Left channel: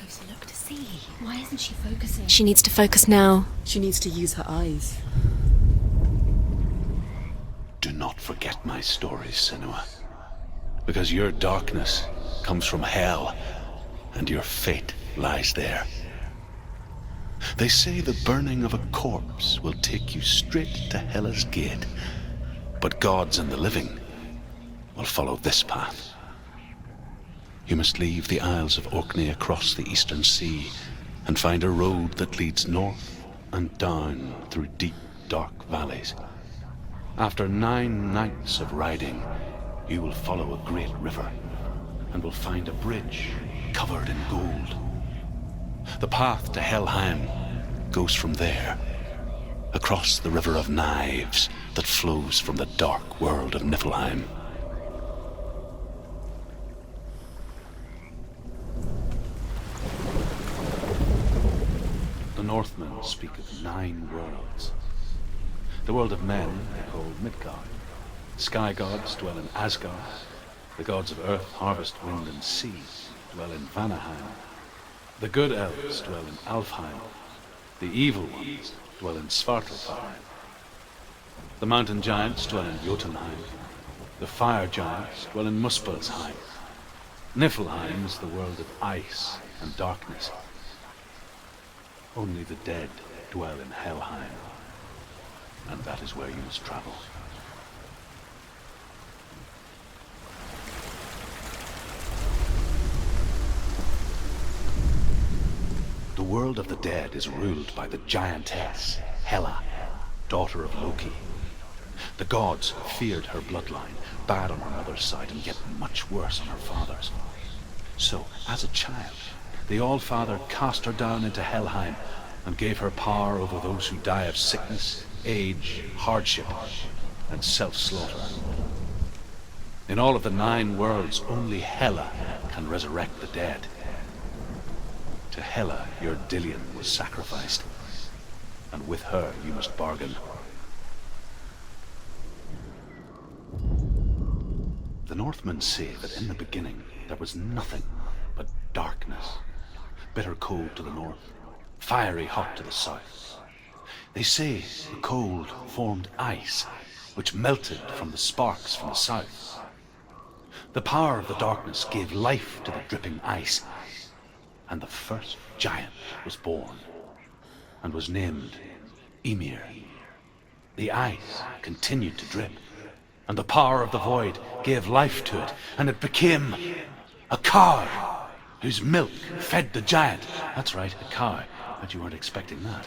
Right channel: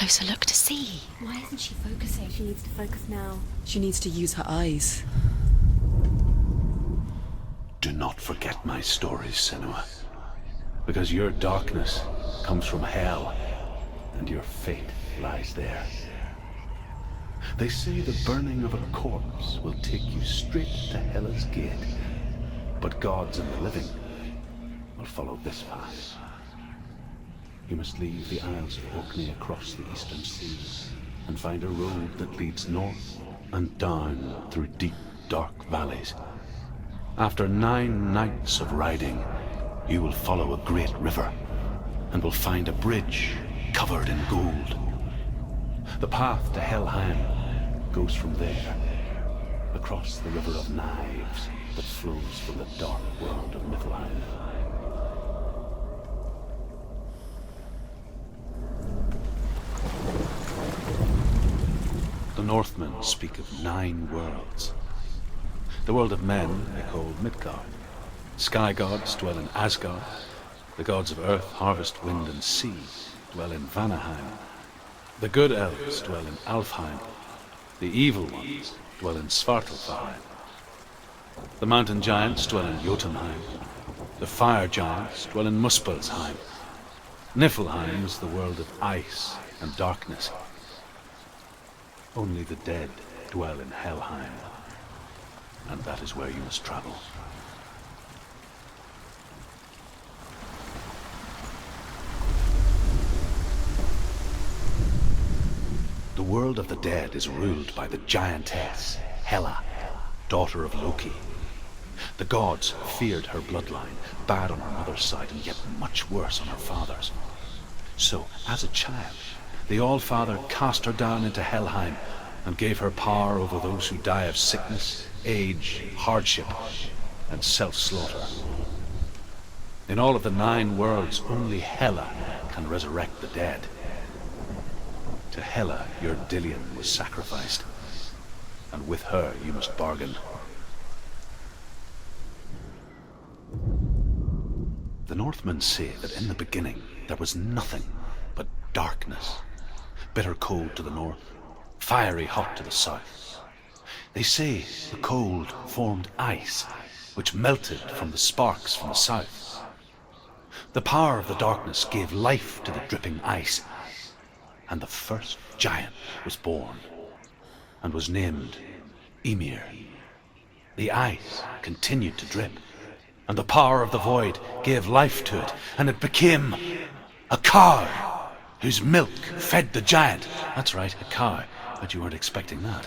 closer look to see. Why isn't she focusing? She needs to focus now. She needs to use her eyes. Do not forget my stories, Senua. Because your darkness comes from hell, and your fate lies there. They say the burning of a corpse will take you straight to Hela's gate, but gods and the living will follow this path. You must leave the Isles of Orkney across the eastern sea and find a road that leads north and down through deep, dark valleys. After 9 nights of riding, you will follow a great river and will find a bridge covered in gold. The path to Helheim goes from there, across the River of Knives that flows from the dark world of Niflheim. The Northmen speak of 9 worlds. The world of men they call Midgard. Sky gods dwell in Asgard. The gods of earth, harvest, wind, and sea dwell in Vanaheim. The good elves dwell in Alfheim. The evil ones dwell in Svartalfheim. The mountain giants dwell in Jotunheim. The fire giants dwell in Muspelheim. Niflheim is the world of ice and darkness. Only the dead dwell in Helheim, and that is where you must travel. The world of the dead is ruled by the giantess, Hela, daughter of Loki. The gods feared her bloodline, bad on her mother's side and yet much worse on her father's. So, as a child, the All-Father cast her down into Helheim and gave her power over those who die of sickness, age, hardship, and self-slaughter. In all of the 9 worlds, only Hela can resurrect the dead. To Hela, your Dillion was sacrificed, and with her you must bargain. The Northmen say that in the beginning there was nothing but darkness. Bitter cold to the north, fiery hot to the south. They say the cold formed ice, which melted from the sparks from the south. The power of the darkness gave life to the dripping ice, and the first giant was born, and was named Ymir. The ice continued to drip, and the power of the void gave life to it, and it became a cow, whose milk fed the giant. That's right, a cow. Bet you weren't expecting that.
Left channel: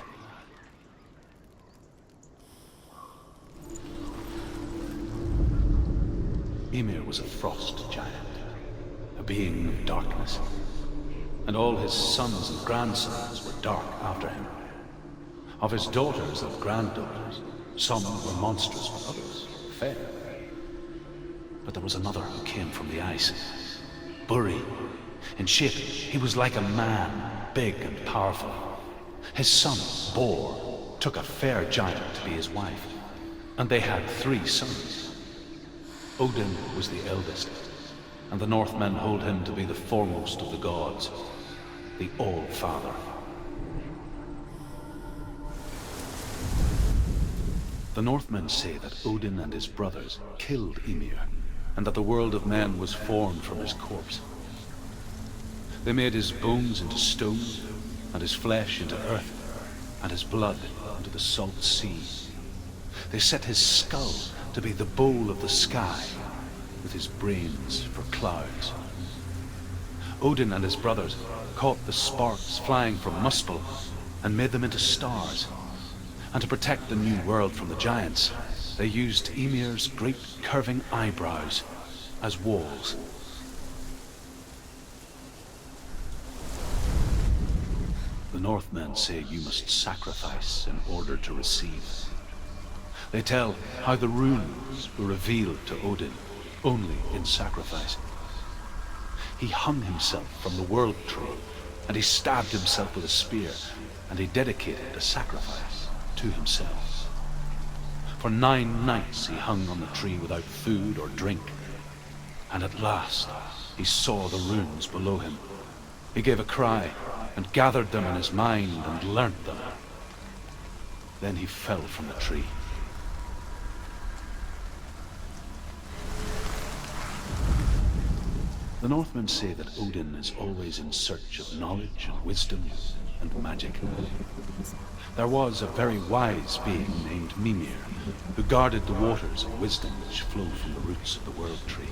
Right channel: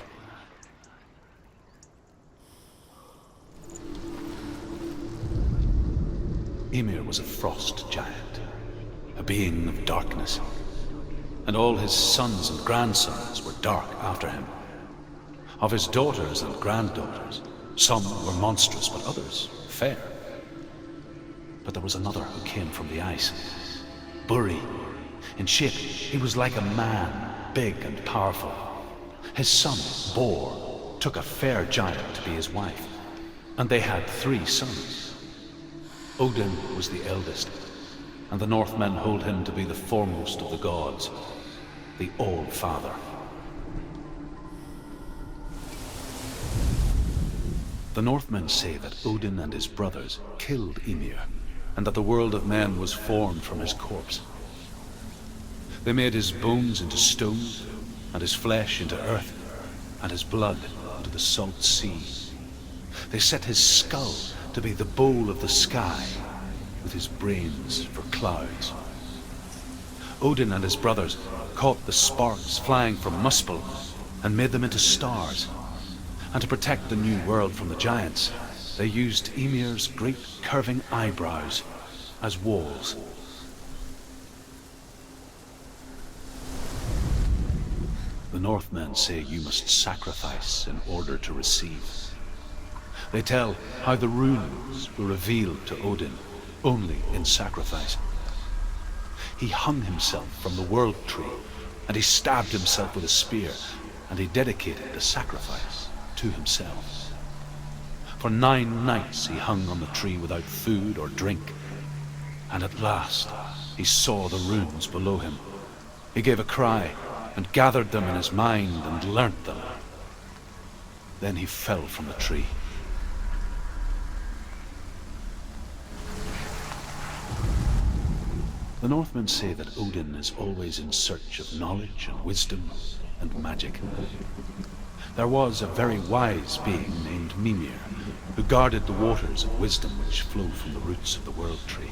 Ymir was a frost giant, a being of darkness, and all his sons and grandsons were dark after him. Of his daughters and granddaughters, some were monstrous, but others fair. But there was another who came from the ice, Buri. In shape, he was like a man, big and powerful. His son, Bor, took a fair giant to be his wife, and they had 3 sons. Odin was the eldest, and the Northmen hold him to be the foremost of the gods, the All-Father. The Northmen say that Odin and his brothers killed Ymir, and that the world of men was formed from his corpse. They made his bones into stone, and his flesh into earth, and his blood into the salt sea. They set his skull to be the bowl of the sky, with his brains for clouds. Odin and his brothers caught the sparks flying from Muspel and made them into stars. And to protect the new world from the giants, they used Ymir's great curving eyebrows as walls. The Northmen say you must sacrifice in order to receive. They tell how the runes were revealed to Odin only in sacrifice. He hung himself from the world tree, and he stabbed himself with a spear, and he dedicated the sacrifice to himself. For 9 nights he hung on the tree without food or drink, and at last he saw the runes below him, He gave a cry and gathered them in his mind and learnt them. Then he fell from the tree. The Northmen say that Odin is always in search of knowledge and wisdom and magic. There was a very wise being named Mimir, who guarded the waters of wisdom which flow from the roots of the World Tree.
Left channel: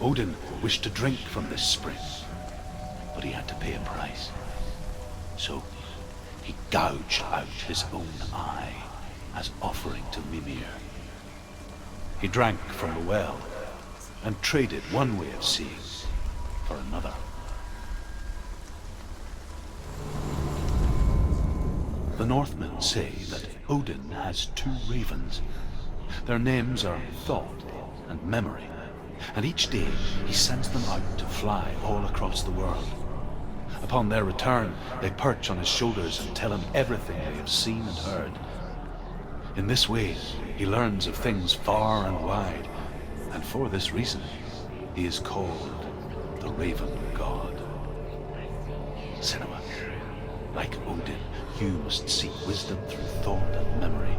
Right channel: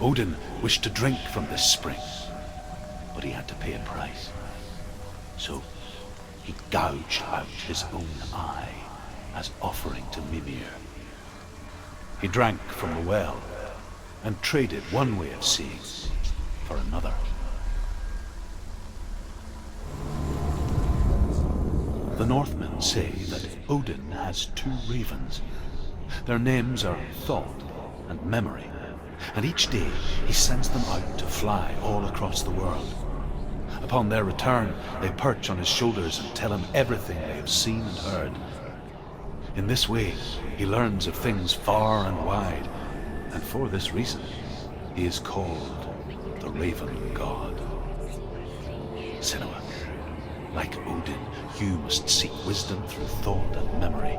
Odin wished to drink from this spring, but he had to pay a price. So he gouged out his own eye as offering to Mimir. He drank from the well and traded one way of seeing for another. The Northmen say that Odin has two ravens. Their names are Thought and Memory, and each day he sends them out to fly all across the world. Upon their return, they perch on his shoulders and tell him everything they have seen and heard. In this way, he learns of things far and wide, and for this reason, he is called the Raven God. Senua, like Odin, you must seek wisdom through thought and memory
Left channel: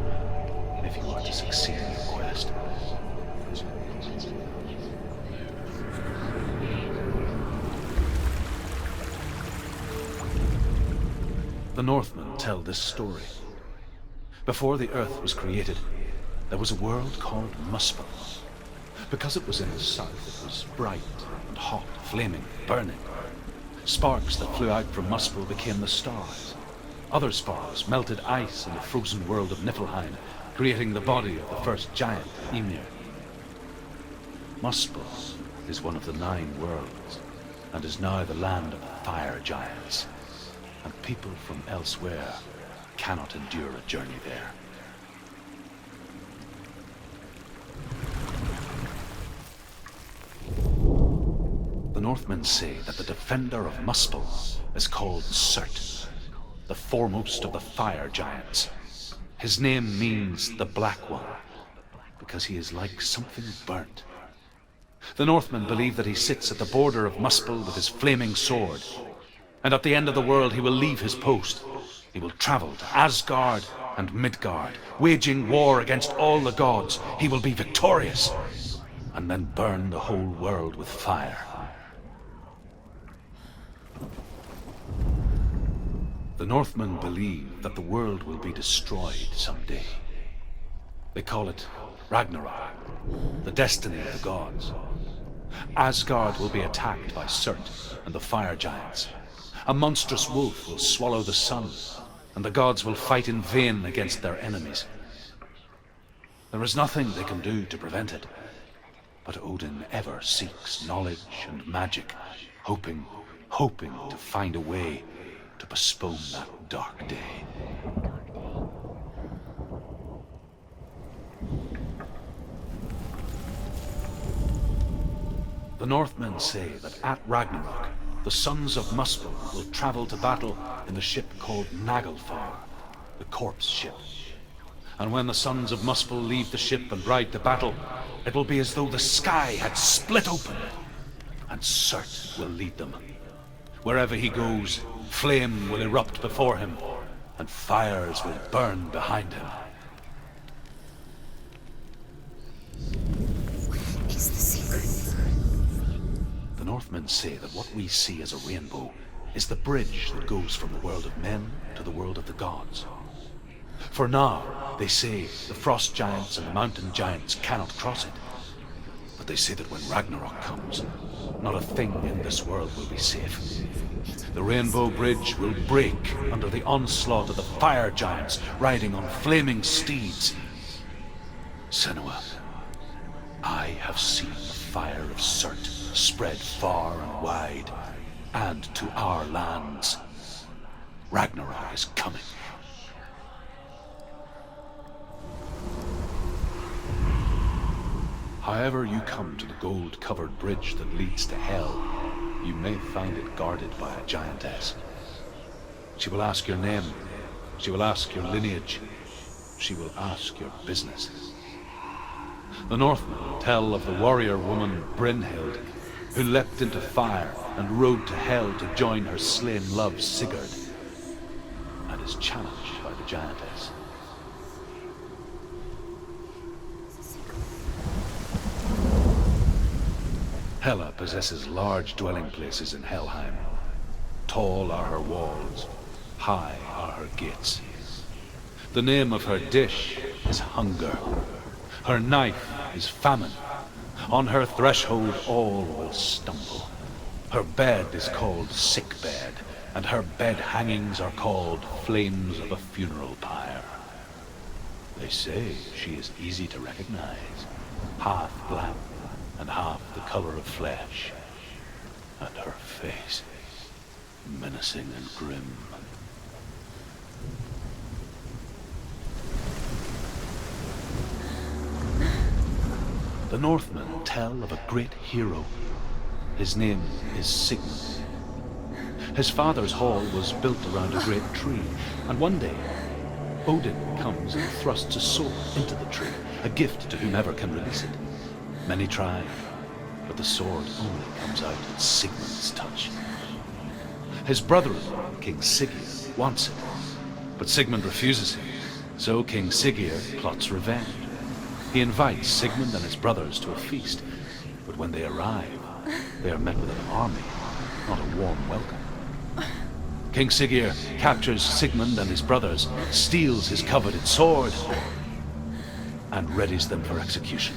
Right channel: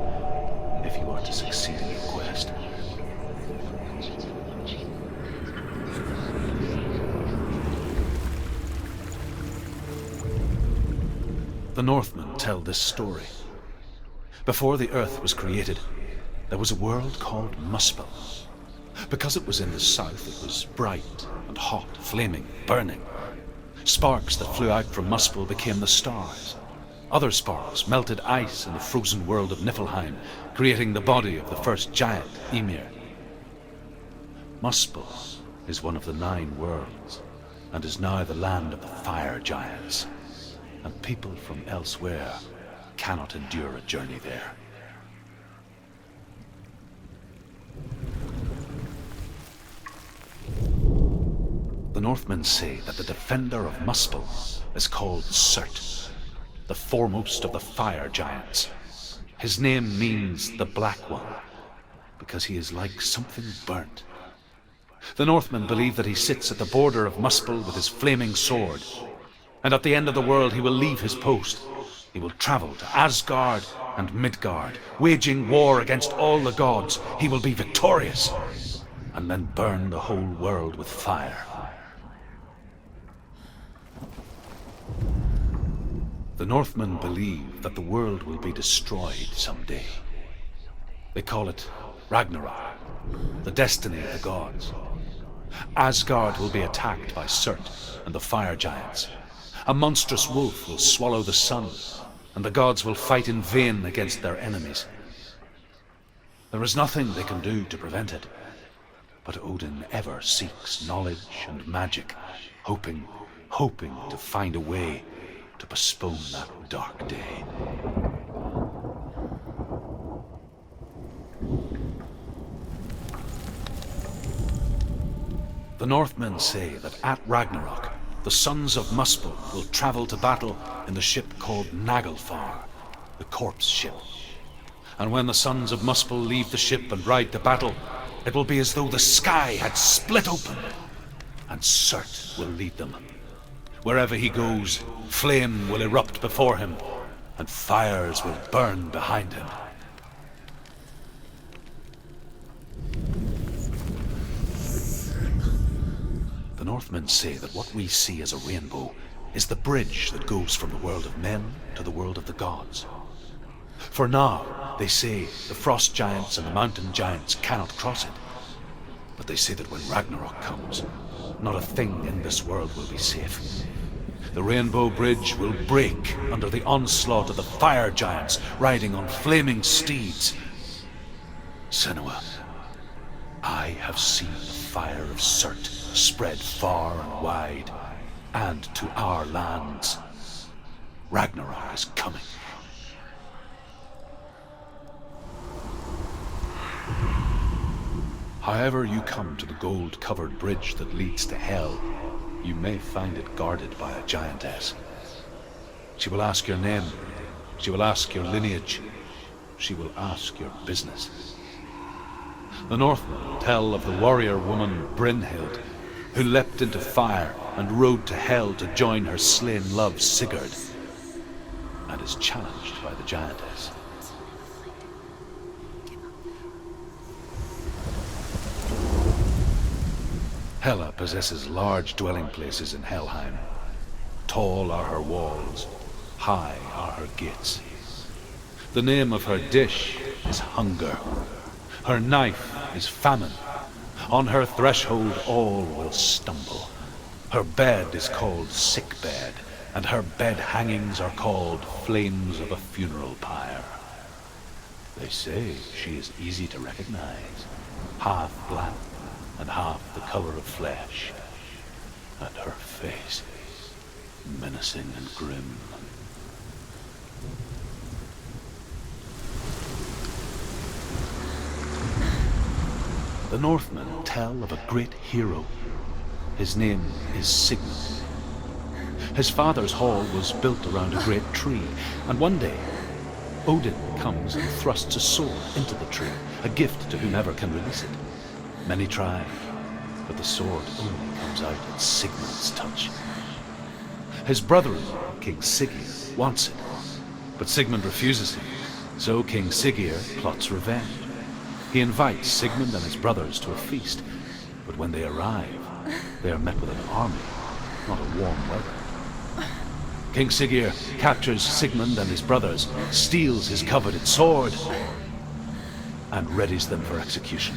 if you are to succeed in your quest. The Northmen tell this story. Before the earth was created, there was a world called Muspel. Because it was in the south, it was bright and hot, flaming, burning. Sparks that flew out from Muspel became the stars. Other sparks melted ice in the frozen world of Niflheim, creating the body of the first giant, Ymir. Muspel is one of the 9 worlds, and is now the land of the fire giants, and people from elsewhere cannot endure a journey there. The Northmen say that the defender of Muspel is called Surt, the foremost of the fire giants. His name means the Black One, because he is like something burnt. The Northmen believe that he sits at the border of Muspel with his flaming sword, and at the end of the world he will leave his post. He will travel to Asgard and Midgard, waging war against all the gods. He will be victorious, and then burn the whole world with fire. The Northmen believe that the world will be destroyed someday. They call it Ragnarok, the destiny of the gods. Asgard will be attacked by Surt and the fire giants. A monstrous wolf will swallow the sun, and the gods will fight in vain against their enemies. There is nothing they can do to prevent it, but Odin ever seeks knowledge and magic, hoping to find a way to postpone that dark day. The Northmen say that at Ragnarok, the sons of Muspel will travel to battle in the ship called Naglfar, the corpse ship. And when the sons of Muspel leave the ship and ride to battle, it will be as though the sky had split open, and Surt will lead them. Wherever he goes, flame will erupt before him, and fires will burn behind him. The Northmen say that what we see as a rainbow is the bridge that goes from the world of men to the world of the gods. For now, they say the frost giants and the mountain giants cannot cross it. But they say that when Ragnarok comes, not a thing in this world will be safe. The rainbow bridge will break under the onslaught of the fire giants riding on flaming steeds. Senua, I have seen the fire of Surt spread far and wide, and to our lands. Ragnarok is coming. However you come to the gold-covered bridge that leads to Hell, you may find it guarded by a giantess. She will ask your name, she will ask your lineage, she will ask your business. The Northmen tell of the warrior woman Brynhild, who leapt into fire and rode to Hell to join her slain love Sigurd, and is challenged by the giantess. Hela possesses large dwelling places in Helheim. Tall are her walls, high are her gates. The name of her dish is hunger. Her knife is famine. On her threshold all will stumble. Her bed is called sick bed, and her bed hangings are called flames of a funeral pyre. They say she is easy to recognize, half black and half the color of flesh, and her face menacing and grim. The Northmen tell of a great hero. His name is Sigmund. His father's hall was built around a great tree, and one day Odin comes and thrusts a sword into the tree, a gift to whomever can release it. Many try, but the sword only comes out at Sigmund's touch. His brother-in-law, King Sigurd, wants it, but Sigmund refuses him, so King Sigurd plots revenge. He invites Sigmund and his brothers to a feast, but when they arrive, they are met with an army, not a warm welcome. King Sigurd captures Sigmund and his brothers, steals his coveted sword, and readies them for execution.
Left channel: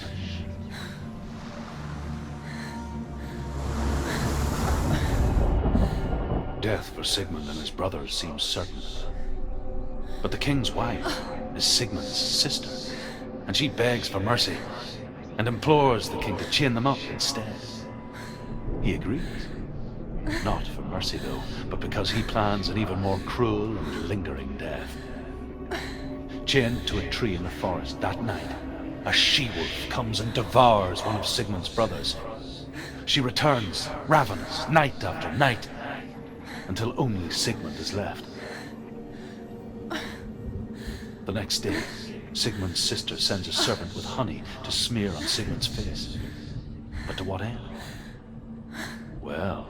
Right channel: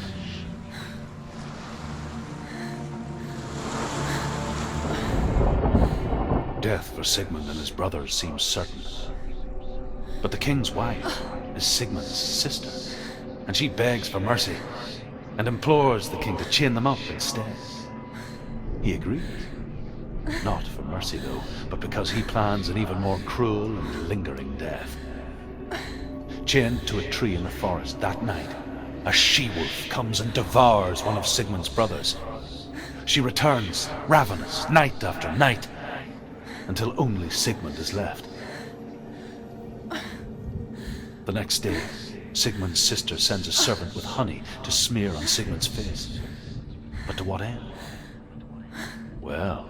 Death for Sigmund and his brothers seems certain. But the king's wife is Sigmund's sister, and she begs for mercy and implores the king to chain them up instead. He agrees. Not for mercy, though, but because he plans an even more cruel and lingering death. Chained to a tree in the forest that night, a she-wolf comes and devours one of Sigmund's brothers. She returns, ravenous, night after night, until only Sigmund is left. The next day, Sigmund's sister sends a servant with honey to smear on Sigmund's face. But to what end? Well,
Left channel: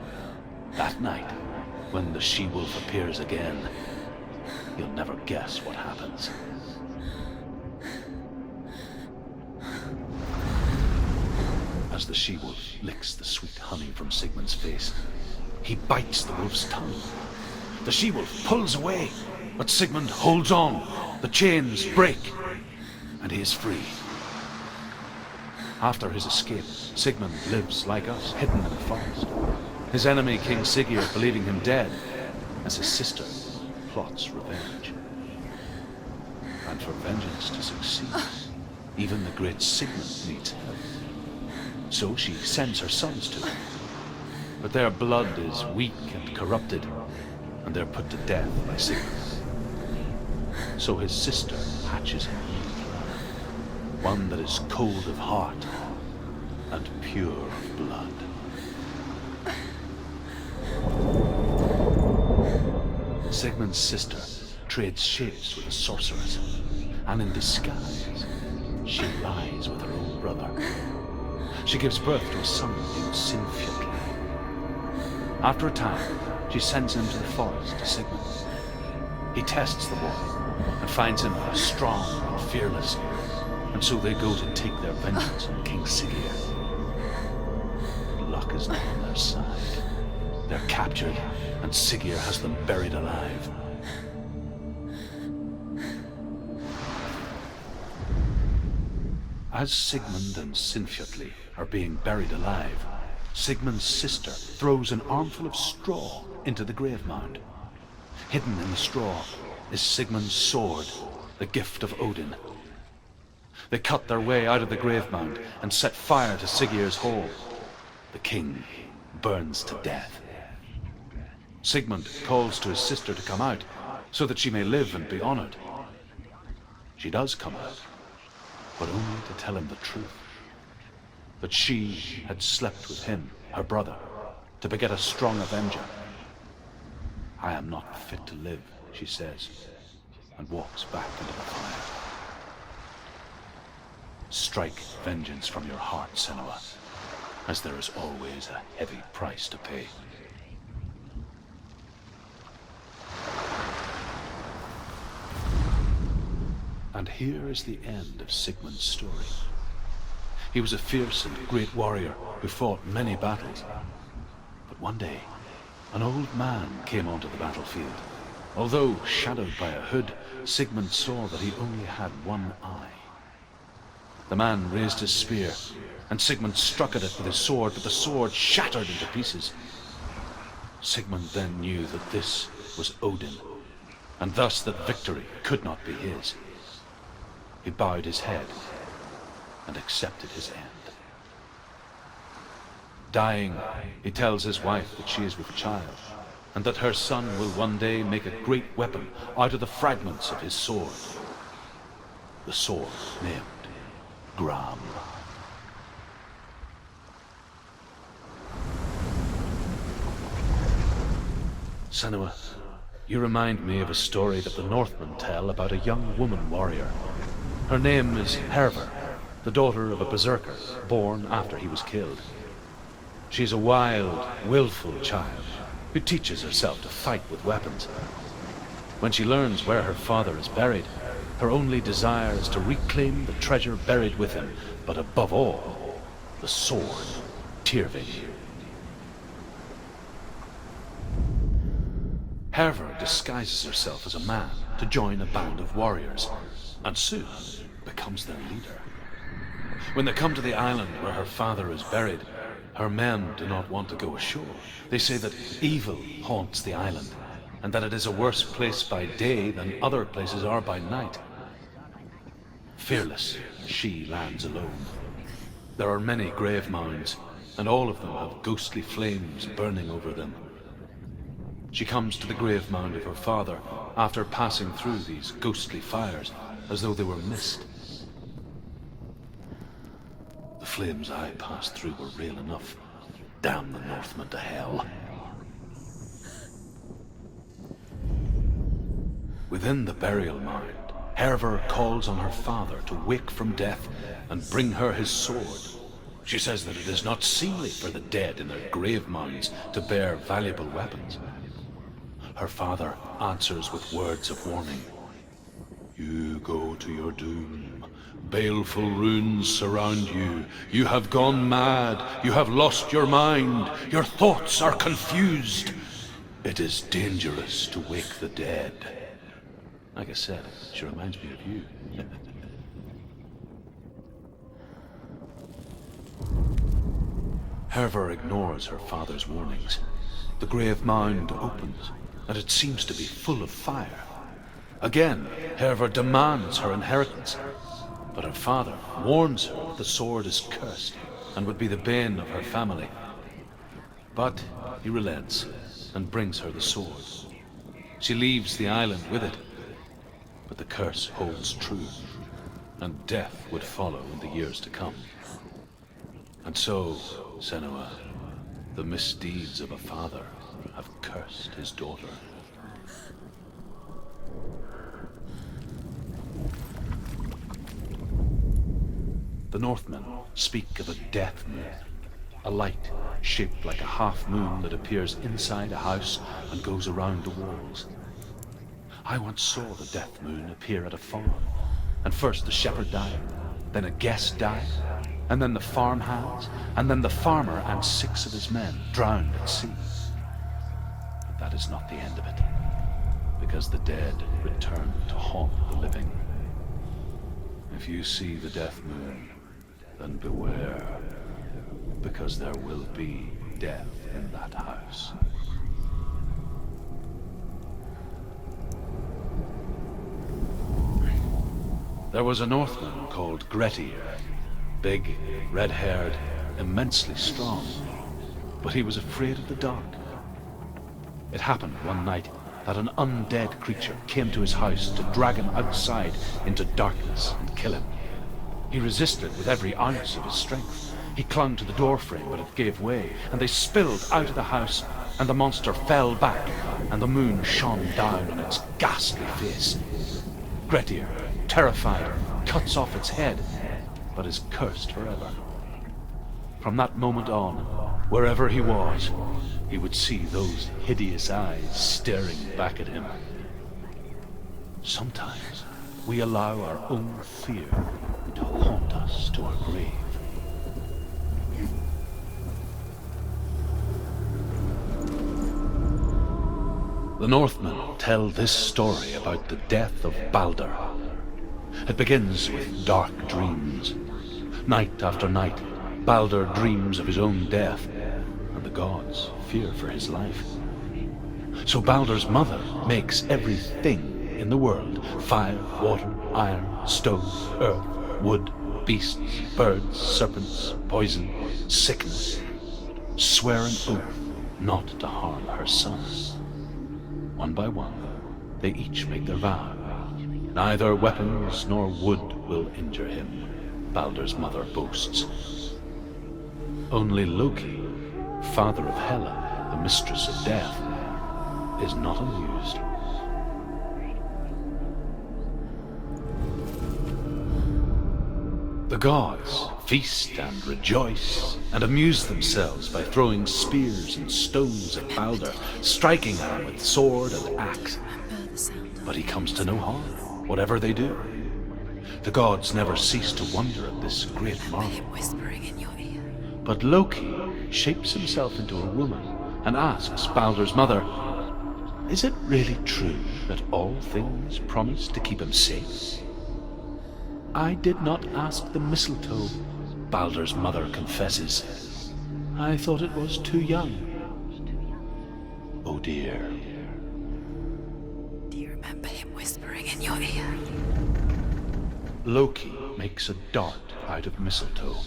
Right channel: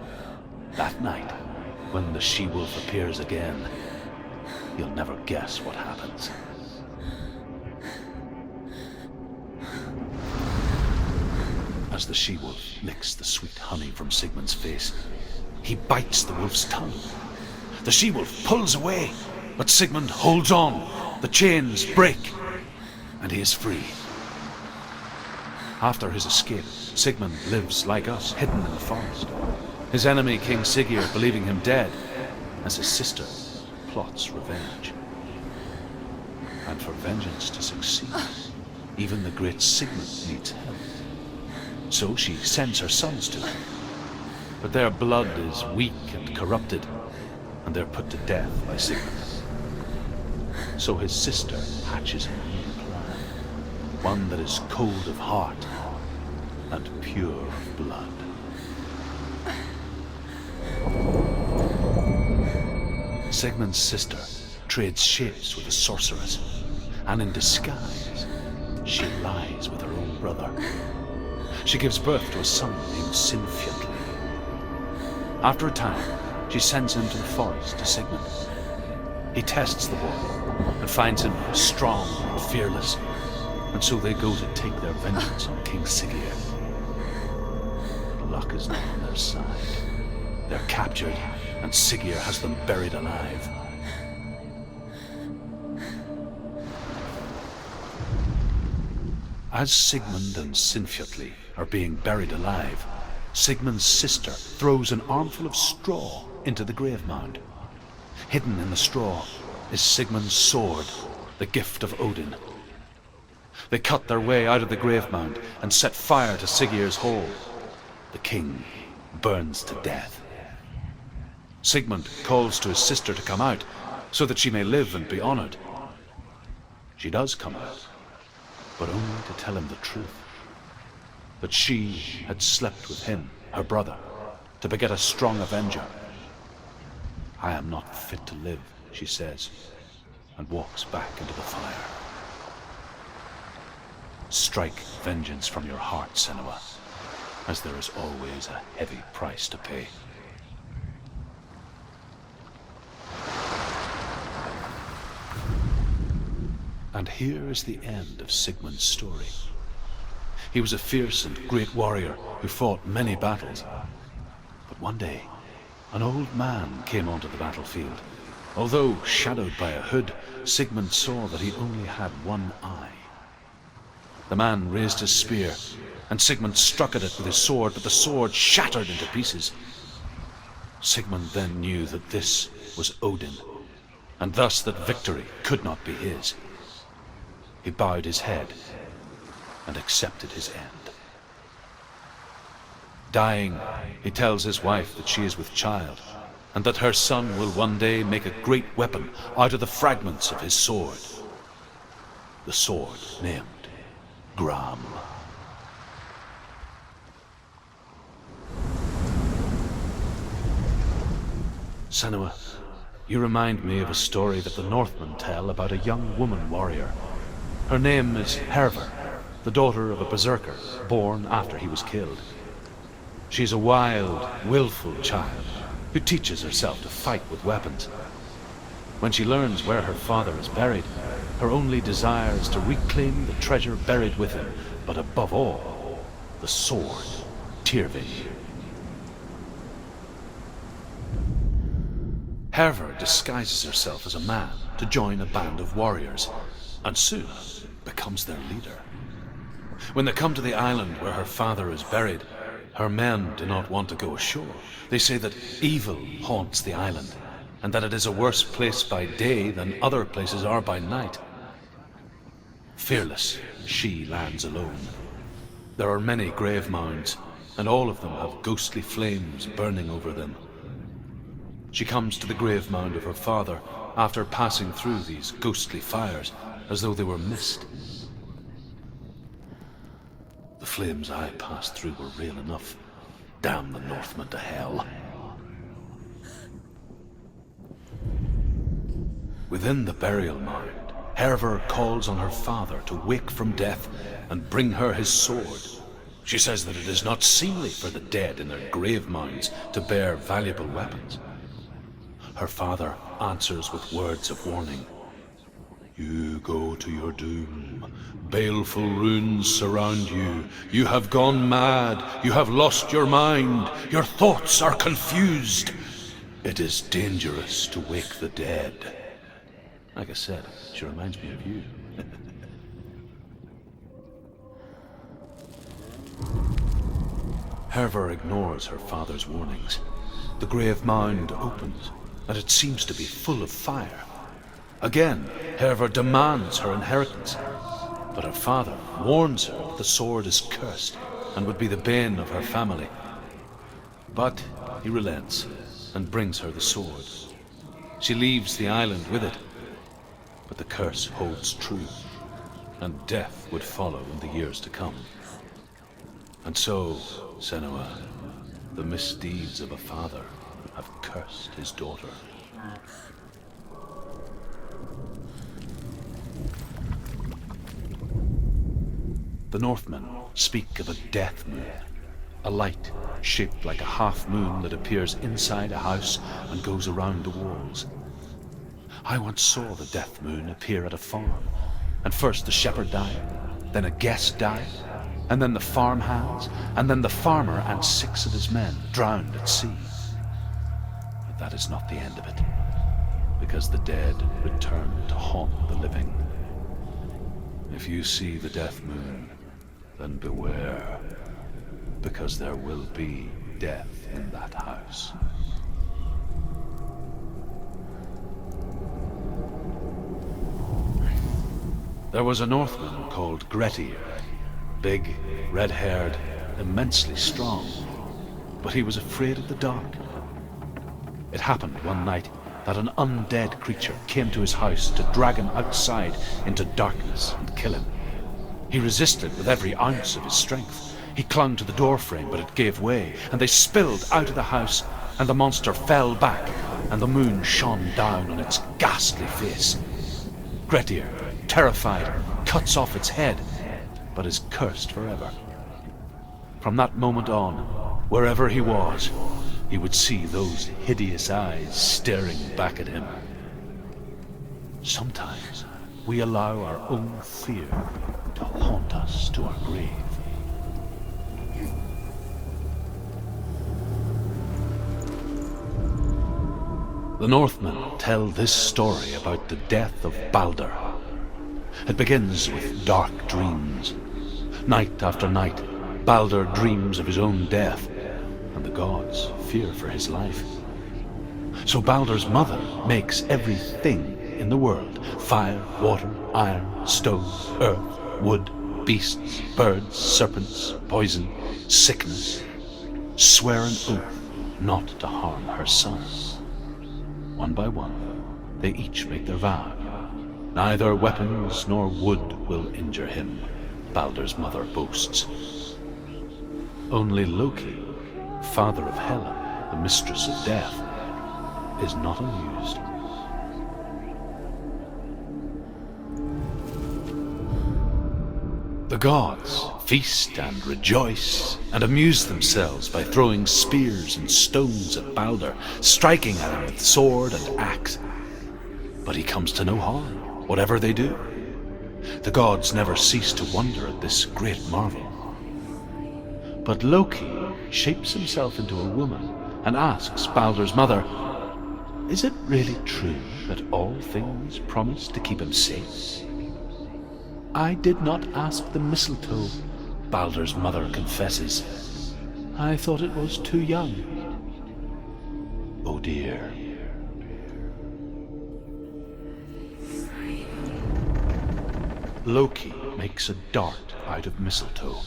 that night, when the she-wolf appears again, you'll never guess what happens. As the she-wolf licks the sweet honey from Sigmund's face, he bites the wolf's tongue. The she-wolf pulls away, but Sigmund holds on. The chains break, and he is free. After his escape, Sigmund lives like us, hidden in the forest. His enemy, King Sigurd, believing him dead, as his sister plots revenge. And for vengeance to succeed, even the great Sigmund needs help. So she sends her sons to him. But their blood is weak and corrupted, and they're put to death by Sigmund. So his sister hatches a new plan, one that is cold of heart and pure of blood. Sigmund's sister trades shapes with a sorceress, and in disguise, she lies with her own brother. She gives birth to a son named Sinfjotli. After a time, she sends him to the forest to Sigmund. He tests the boy and finds him strong and fearless, and so they go to take their vengeance on King Sigurd. But luck is not on their side. They're captured, and Sigurd has them buried alive. As Sigmund and Sinfjotli are being buried alive, Sigmund's sister throws an armful of straw into the grave mound. Hidden in the straw is Sigmund's sword, the gift of Odin. They cut their way out of the grave mound and set fire to Sigurd's hall. The king burns to death. Sigmund calls to his sister to come out so that she may live and be honored. She does come out, but only to tell him the truth. That she had slept with him, her brother, to beget a strong avenger. I am not fit to live, she says, and walks back into the fire. Strike vengeance from your heart, Senua, as there is always a heavy price to pay. And here is the end of Sigmund's story. He was a fierce and great warrior who fought many battles. But one day, an old man came onto the battlefield. Although shadowed by a hood, Sigmund saw that he only had one eye. The man raised his spear, and Sigmund struck at it with his sword, but the sword shattered into pieces. Sigmund then knew that this was Odin, and thus that victory could not be his. He bowed his head and accepted his end. Dying, he tells his wife that she is with child, and that her son will one day make a great weapon out of the fragments of his sword. The sword named Gram. Senua, you remind me of a story that the Northmen tell about a young woman warrior. Her name is Herver, the daughter of a berserker born after he was killed. She's a wild, willful child who teaches herself to fight with weapons. When she learns where her father is buried, her only desire is to reclaim the treasure buried with him, but above all, the sword, Tyrving. Herver disguises herself as a man to join a band of warriors, and soon becomes their leader. When they come to the island where her father is buried, her men do not want to go ashore. They say that evil haunts the island, and that it is a worse place by day than other places are by night. Fearless, she lands alone. There are many grave mounds, and all of them have ghostly flames burning over them. She comes to the grave mound of her father after passing through these ghostly fires, as though they were mist. The flames I passed through were real enough. Damn the Northmen to hell. Within the burial mound, Herver calls on her father to wake from death and bring her his sword. She says that it is not seemly for the dead in their grave mounds to bear valuable weapons. Her father answers with words of warning. You go to your doom. Baleful runes surround you. You have gone mad. You have lost your mind. Your thoughts are confused. It is dangerous to wake the dead. Like I said, she reminds me of you. Herver ignores her father's warnings. The grave mound opens, and it seems to be full of fire. Again, Herver demands her inheritance, but her father warns her that the sword is cursed and would be the bane of her family. But he relents and brings her the sword. She leaves the island with it, but the curse holds true, and death would follow in the years to come. And so, Senua, the misdeeds of a father have cursed his daughter. The Northmen speak of a death moon, a light shaped like a half moon that appears inside a house and goes around the walls. I once saw the death moon appear at a farm, and first the shepherd died, then a guest died, and then the farm hands, and then the farmer and 6 of his men drowned at sea. But that is not the end of it, because the dead return to haunt the living. If you see the death moon, then beware, because there will be death in that house. There was a Northman called Grettir, big, red-haired, immensely strong, but he was afraid of the dark. It happened one night that an undead creature came to his house to drag him outside into darkness and kill him. He resisted with every ounce of his strength. He clung to the doorframe, but it gave way, and they spilled out of the house, and the monster fell back, and the moon shone down on its ghastly face. Grettir, terrified, cuts off its head, but is cursed forever. From that moment on, wherever he was, he would see those hideous eyes staring back at him. Sometimes we allow our own fear to haunt us to our grave. The Northmen tell this story about the death of Balder. It begins with dark dreams. Night after night, Balder dreams of his own death, and the gods fear for his life. So Balder's mother makes everything in the world: fire, water, iron, stone, earth, wood, beasts, birds, serpents, poison, sickness, swear an oath not to harm her son. One by one, they each make their vow. Neither weapons nor wood will injure him, Balder's mother boasts. Only Loki, father of Hela, the mistress of death, is not amused. The gods feast and rejoice and amuse themselves by throwing spears and stones at Balder, striking at him with sword and axe. But he comes to no harm, whatever they do. The gods never cease to wonder at this great marvel. But Loki shapes himself into a woman and asks Balder's mother, "Is it really true that all things promise to keep him safe?" "I did not ask the mistletoe," Balder's mother confesses. "I thought it was too young." Oh dear. Do you remember him whispering in your ear? Loki makes a dart out of mistletoe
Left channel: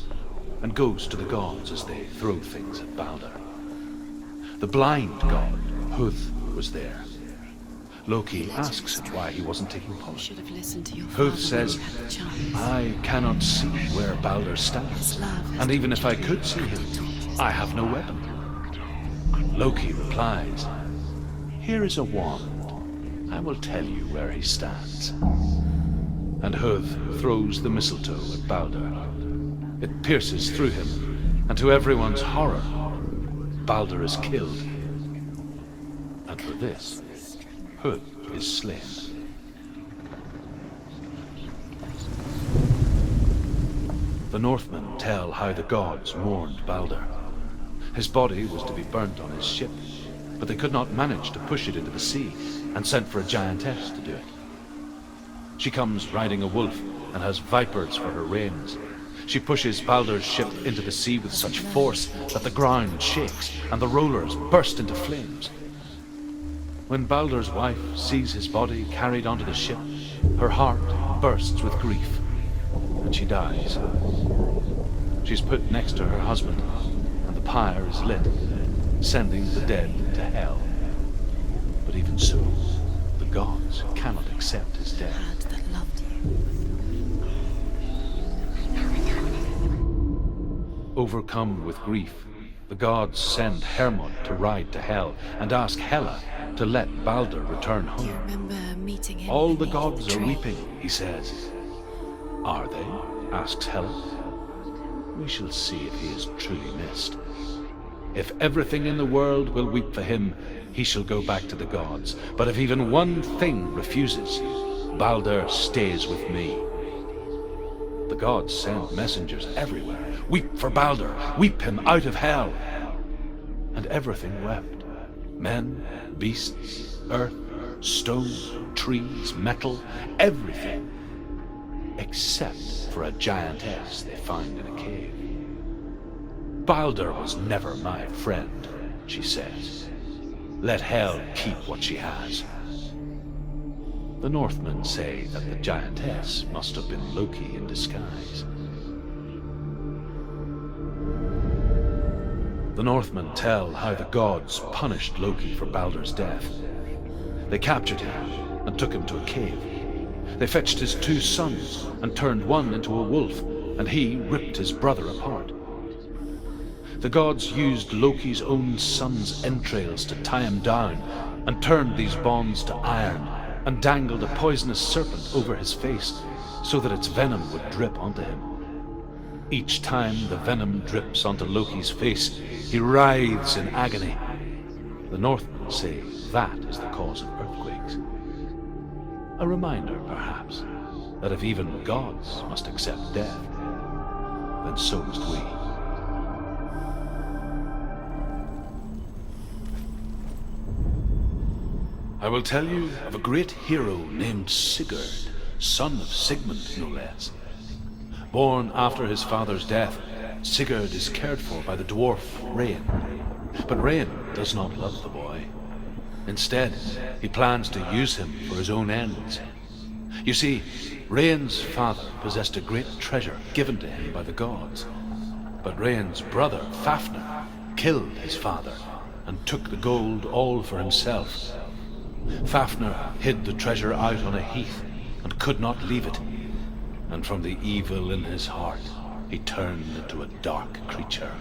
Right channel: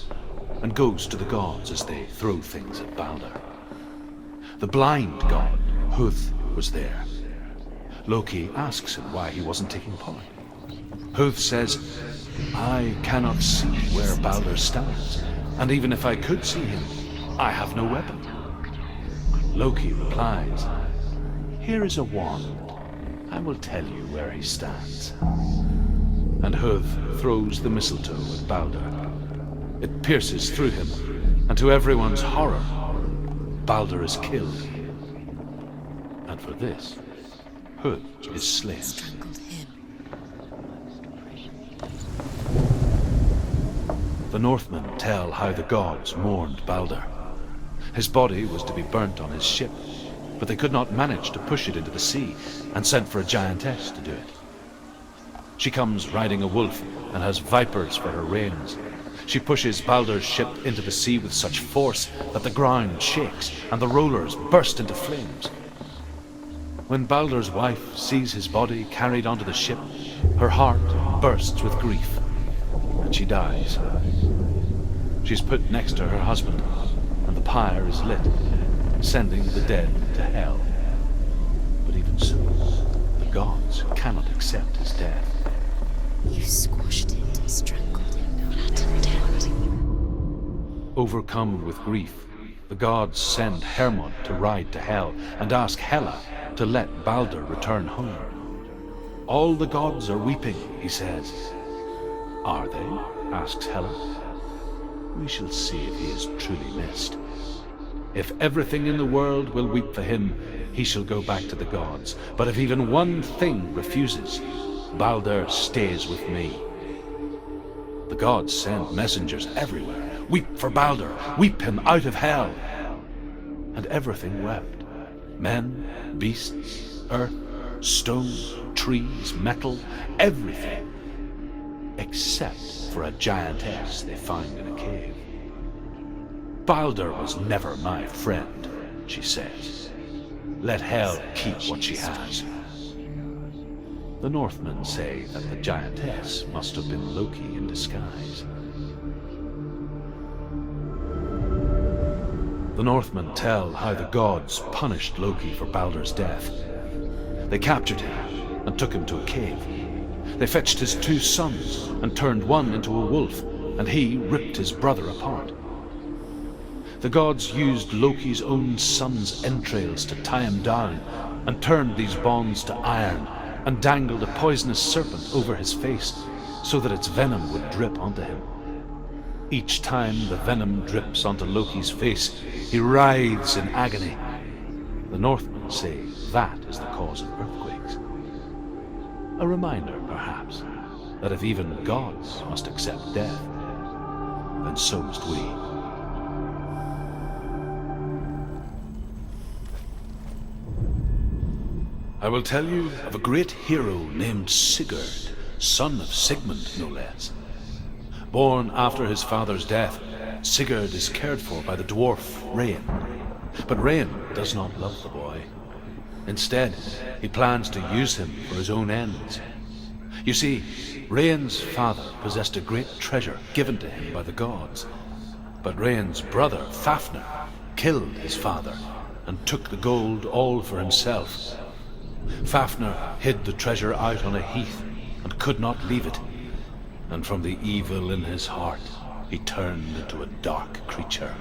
and goes to the gods as they throw things at Balder. The blind god, Huth, was there. Loki asks him why he wasn't taking part. Huth says, "I cannot see where Balder stands, and even if I could see him, I have no weapon." Loki replies, "Here is a wand. I will tell you where he stands." And Huth throws the mistletoe at Balder. It pierces through him, and to everyone's horror, Balder is killed. And for this, Huth is slain. The Northmen tell how the gods mourned Balder. His body was to be burnt on his ship, but they could not manage to push it into the sea, and sent for a giantess to do it. She comes riding a wolf and has vipers for her reins. She pushes Balder's ship into the sea with such force that the ground shakes and the rollers burst into flames. When Balder's wife sees his body carried onto the ship, her heart bursts with grief, and she dies. She's put next to her husband, and the pyre is lit, sending the dead to hell. But even so, the gods cannot accept his death. You squashed it and strangled it. Overcome with grief, the gods send Hermod to ride to hell and ask Hela to let Balder return home. All the gods are weeping, he says. Are they? Asks Hela. We shall see if he is truly missed. If everything in the world will weep for him, he shall go back to the gods. But if even one thing refuses, Balder stays with me. The gods send messengers everywhere. Weep for Balder, weep him out of hell. And everything wept. Men, beasts, earth, stone, trees, metal, everything. Except for a giantess they find in a cave. Balder was never my friend, she says. Let hell keep what she has. The Northmen say that the giantess must have been Loki in disguise. The Northmen tell how the gods punished Loki for Balder's death. They captured him and took him to a cave. They fetched his 2 sons and turned one into a wolf, and he ripped his brother apart. The gods used Loki's own son's entrails to tie him down, and turned these bonds to iron, and dangled a poisonous serpent over his face, so that its venom would drip onto him. Each time the venom drips onto Loki's face, he writhes in agony. The Northmen say that is the cause of earthquakes. A reminder, perhaps, that if even gods must accept death, then so must we. I will tell you of a great hero named Sigurd, son of Sigmund, no less. Born after his father's death, Sigurd is cared for by the dwarf Rain. But Rain does not love the boy. Instead, he plans to use him for his own ends. You see, Rain's father possessed a great treasure given to him by the gods. But Rain's brother, Fafnir, killed his father and took the gold all for himself. Fafnir hid the treasure out on a heath and could not leave it. And from the evil in his heart, he turned into a dark creature,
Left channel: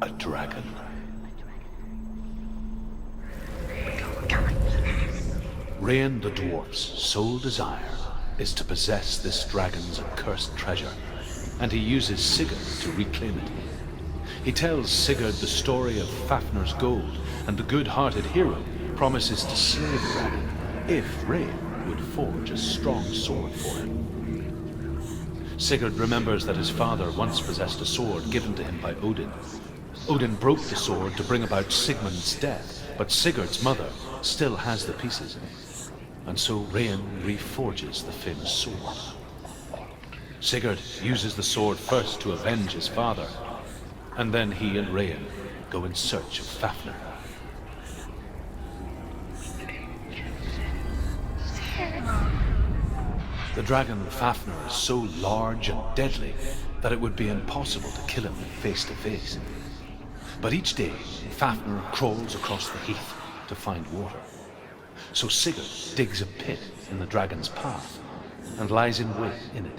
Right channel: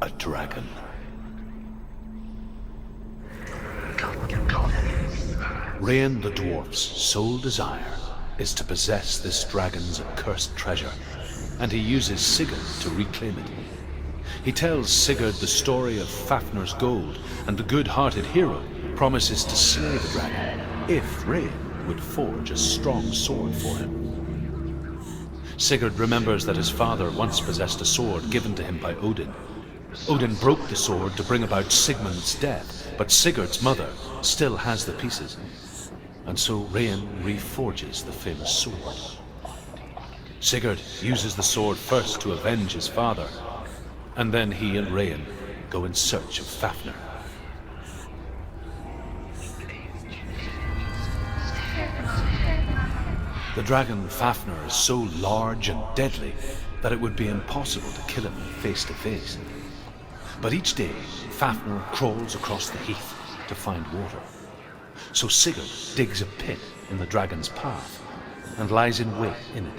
a dragon. Rain the dwarf's sole desire is to possess this dragon's accursed treasure, and he uses Sigurd to reclaim it. He tells Sigurd the story of Fafnir's gold, and the good-hearted hero promises to slay the dragon if Rain would forge a strong sword for him. Sigurd remembers that his father once possessed a sword given to him by Odin. Odin broke the sword to bring about Sigmund's death, but Sigurd's mother still has the pieces, and so Rain reforges the famous sword. Sigurd uses the sword first to avenge his father, and then he and Rain go in search of Fafnir. The dragon Fafnir is so large and deadly that it would be impossible to kill him face to face. But each day, Fafnir crawls across the heath to find water. So Sigurd digs a pit in the dragon's path and lies in wait in it.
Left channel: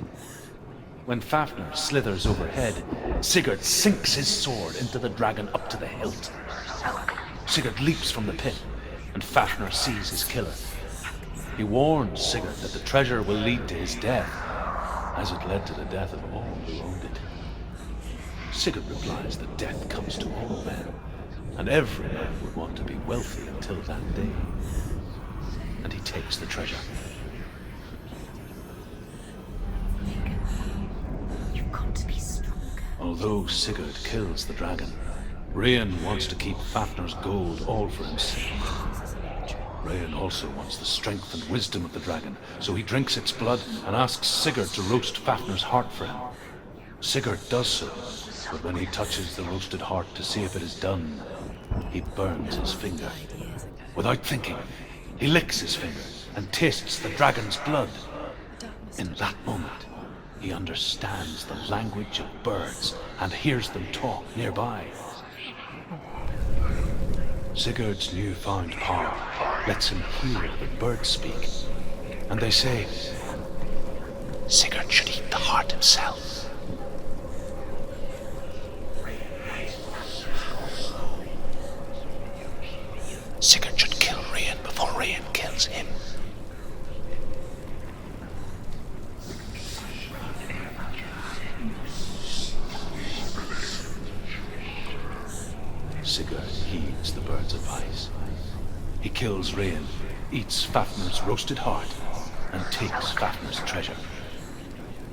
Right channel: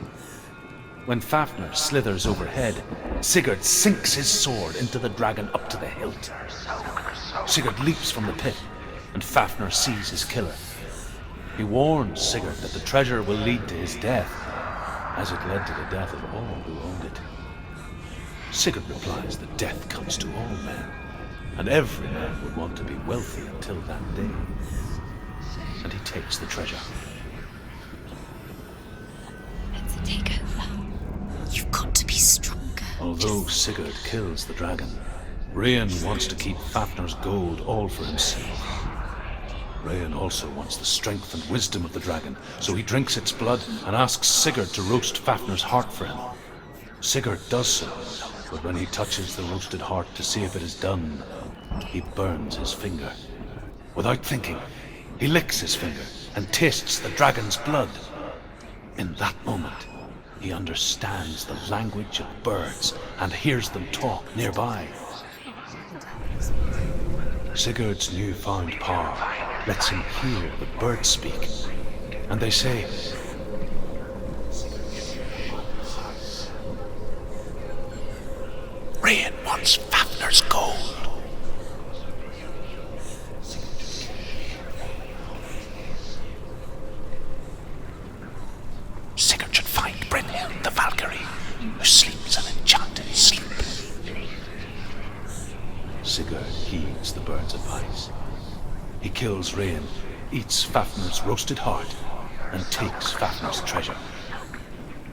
When Fafnir slithers overhead, Sigurd sinks his sword into the dragon up to the hilt. Sigurd leaps from the pit, and Fafnir sees his killer. He warns Sigurd that the treasure will lead to his death, as it led to the death of all who owned it. Sigurd replies that death comes to all men, and every man would want to be wealthy until that day. And he takes the treasure. Take it. You've got to be stronger. Although Sigurd kills the dragon, Rain wants to keep Fafnir's gold all for himself. Rain also wants the strength and wisdom of the dragon, so he drinks its blood and asks Sigurd to roast Fafnir's heart for him. Sigurd does so, but when he touches the roasted heart to see if it is done, he burns his finger. Without thinking, he licks his finger and tastes the dragon's blood. In that moment, he understands the language of birds and hears them talk nearby. Sigurd's newfound power lets him hear the birds speak, and they say, Sigurd should eat the heart himself. Rain wants Fafnir's gold. Sigurd should kill Rain before Rain kills him. Sigurd should find Brynhild the Valkyrie, who sleeps an enchanted sleep. Sigurd heeds the bird's advice. He kills Rain, eats Fafnir's roasted heart, and takes Fafnir's treasure.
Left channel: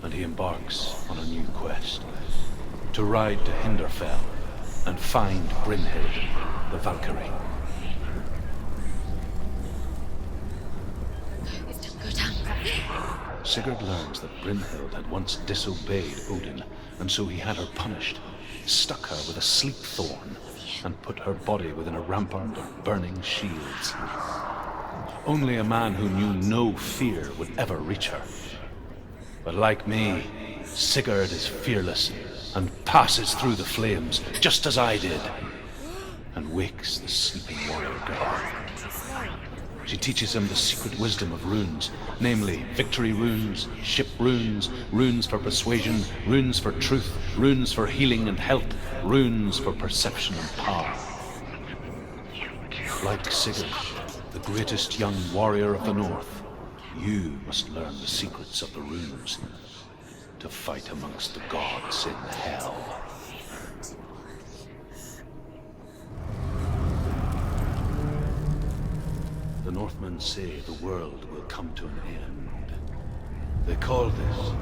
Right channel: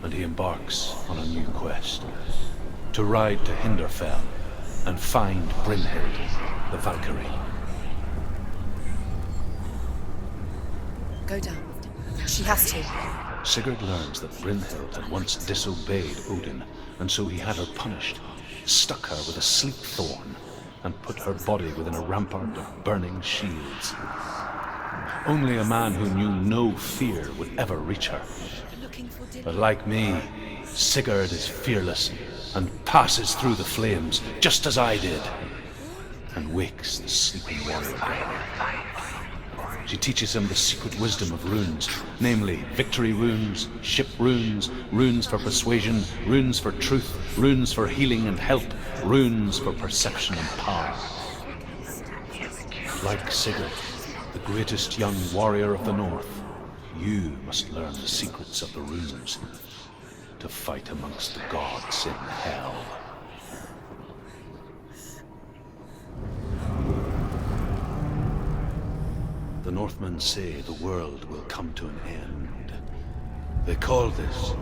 And he embarks on a new quest, to ride to Hinderfell and find Brynhild the Valkyrie. Go down. She has to. Sigurd learns that Brynhild had once disobeyed Odin, and so he had her punished, stuck her with a sleep thorn, and put her body within a rampart of burning shields. Only a man who knew no fear would ever reach her. But like me, Sigurd is fearless and passes through the flames, just as I did, and wakes the sleeping warrior girl. She teaches him the secret wisdom of runes, namely victory runes, ship runes, runes for persuasion, runes for truth, runes for healing and help, runes for perception and power. Like Sigurd, the greatest young warrior of the North, you must learn the secrets of the runes to fight amongst the gods in hell. The Northmen say the world will come to an end, They call this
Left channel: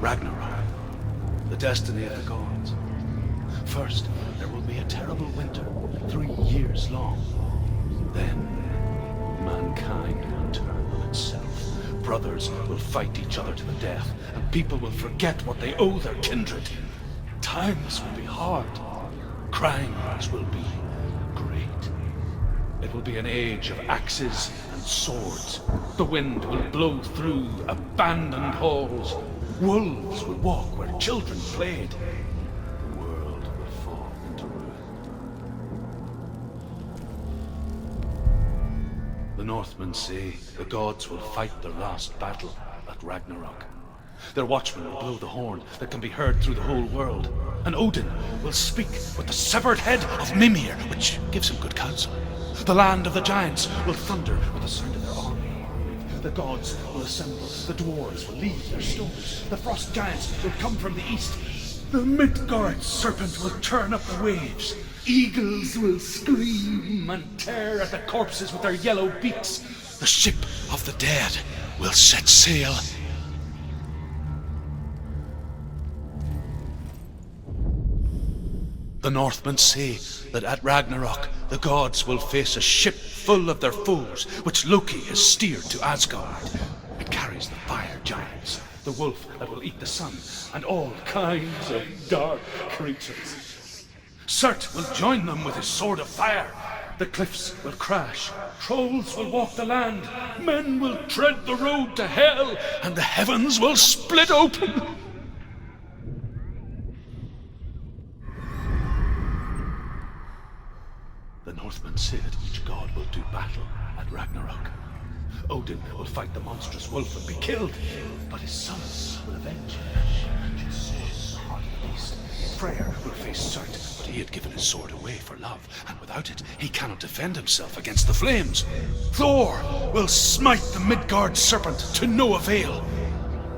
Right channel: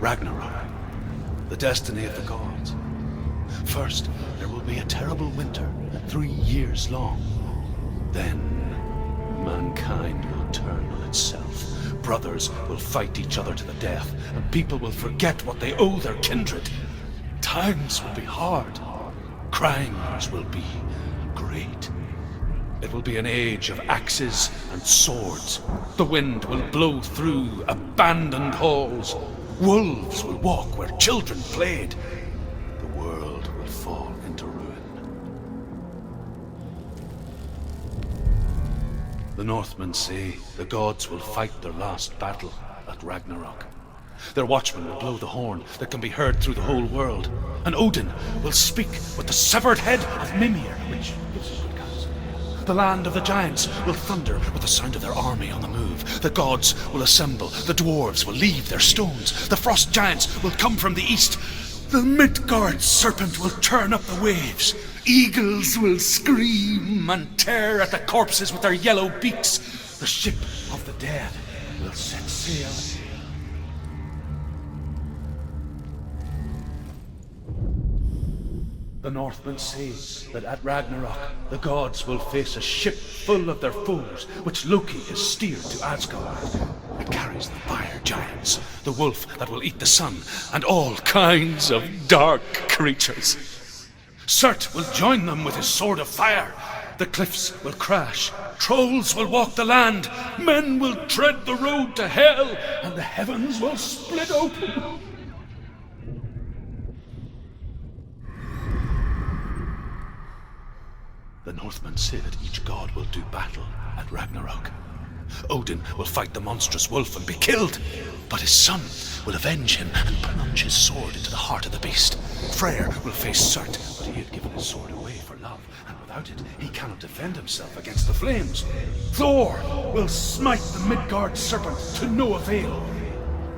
Ragnarok, the destiny of the gods. First, there will be a terrible winter, 3 years long. Then, mankind will turn on itself. Brothers will fight each other to the death, and people will forget what they owe their kindred. Times will be hard. Crimes will be great. It will be an age of axes and swords. The wind will blow through abandoned halls. Wolves will walk where children played. The world will fall into ruin. The Northmen say the gods will fight their last battle at Ragnarok. Their watchmen will blow the horn that can be heard through the whole world. And Odin will speak with the severed head of Mimir, which gives him good counsel. The land of the giants will thunder with the sound of their army on the move. The gods will assemble. The dwarves will leave their stones. The frost giants will come from the east. The Midgard serpent will turn up the waves. Eagles will scream and tear at the corpses with their yellow beaks. The ship of the dead will set sail. The Northmen say that at Ragnarok, the gods will face a ship full of their foes, which Loki has steered to Asgard. It carries the fire giants, the wolf that will eat the sun, and all kinds of dark creatures. Surt will join them with his sword of fire. The cliffs will crash. Trolls will walk the land. Men will tread the road to hell, and the heavens will split open. The Northmen say that each god will do battle at Ragnarok. Odin will fight the monstrous wolf and be killed, but his son will avenge him and plunge his sword into the heart of the beast. Freyr will face Surt, but he had given his sword away for love, and without it, he cannot defend himself against the flames. Thor will smite the Midgard serpent to no avail.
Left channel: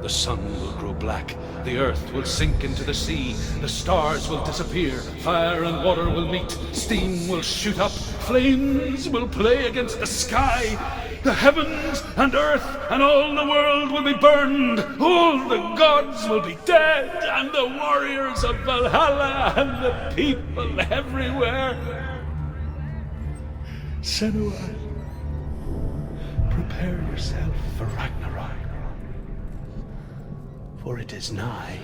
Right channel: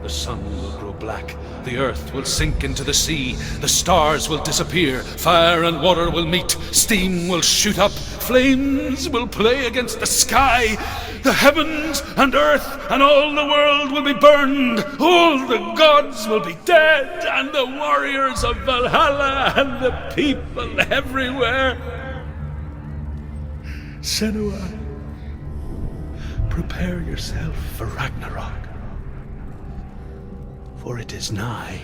The sun will grow black, the earth will sink into the sea, the stars will disappear, fire and water will meet, steam will shoot up, flames will play against the sky, the heavens and earth and all the world will be burned, all the gods will be dead, and the warriors of Valhalla and the people everywhere. Senua, prepare yourself for Ragnarok. For it is nigh.